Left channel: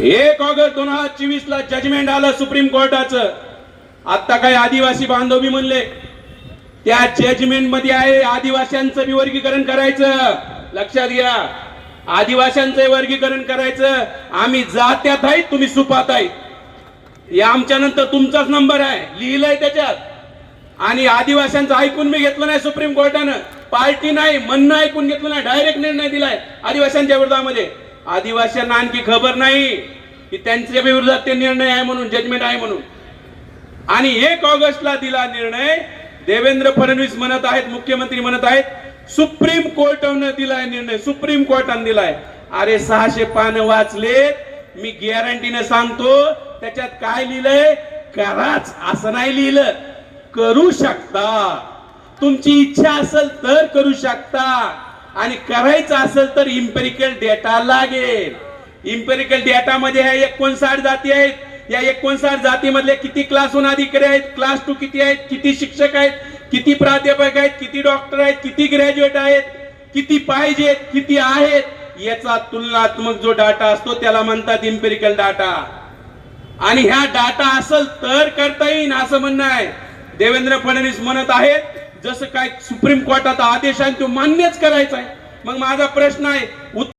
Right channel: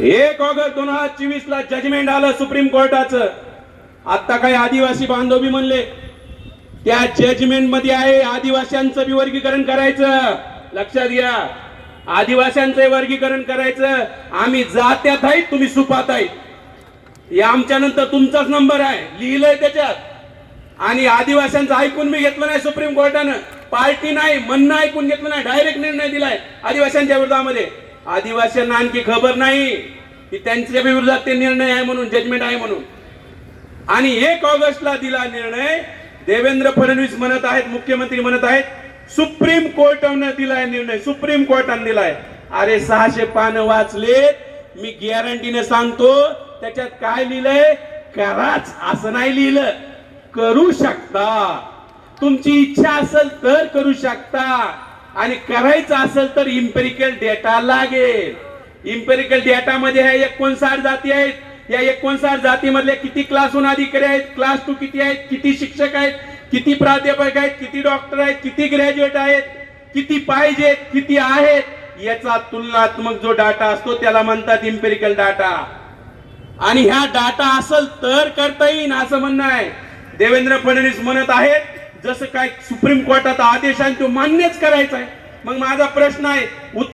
1 August 2024 ला judgement आलं supreme कोर्टाचं. आता काही आदिवासी बांधव म्हणले त्या जजमेंट मध्ये आहे आदिवासींचं बी वर्गीकरण करायचं. लक्षात घ्या, आदिवासींचं वर्गीकरण करायचं. आम्ही जात्यात आहेत, तुम्ही सुपात आहेत. या आमच्या नंतर तुमचाच नंबर आहे, लिहिलंय त्याच्यात. आणि आदिवासींचं ऐकून मी घेतलं नाही सुप्रीम कोर्टानं. पार्टी नाही, म्हणणं ऐकून घेतलं नाही, डायरेक्ट निर्णय दिलाय आदिवासींच्या विरोधामध्ये. आदिवासींना आणखी खबर नाही की त्यांच्या विरोधात ते निर्णय आहे म्हणून, जजमेंट आहे म्हणून. आणि 1 ऑगस्टला दिला निर्णय. देवेंद्र फडणवीस म्हणत आहेत, मुख्यमंत्री म्हणत आहेत, सुप्रीम कोर्टाने दिलाय निर्णय, सुप्रीम कोर्टाने दिलाय. अरे 600 पानं वाचले, मी गॅरंटीने सांगतो त्याच्यात काय लिहिलंय, कराच असं नाही लिहिलं. करू शकता, तुमची इच्छा असेल तर करू शकता, आणि करायचं असेल तर इम्पेरिकल डेटा लागेल. इम्पेरिकल डेटा मध्ये आहे 59 जाती आहेत. या 59 जातीमधले किती क्लासहून अधिकारी आहेत, क्लास 2 किती आहेत, किती शिक्षक आहेत, किती प्राध्यापक आहेत, किती डॉक्टर आहेत, किती ग्रॅज्युएट आहेत, किती पाहिजेत, किती आहेत, याचा तुलनात्मक जो डाटा असतो त्याला म्हणतात इम्पेरिकल डाटा. आणि ह्या डाटा असेल तर करता येईल असं म्हणणं आहे. देवेंद्र फडणवीस म्हणत आहेत जसं काय सुप्रीम कोर्टाचा आदेश आहे तो मान्यच करायचा आहे. मग माझा प्रश्न आहे,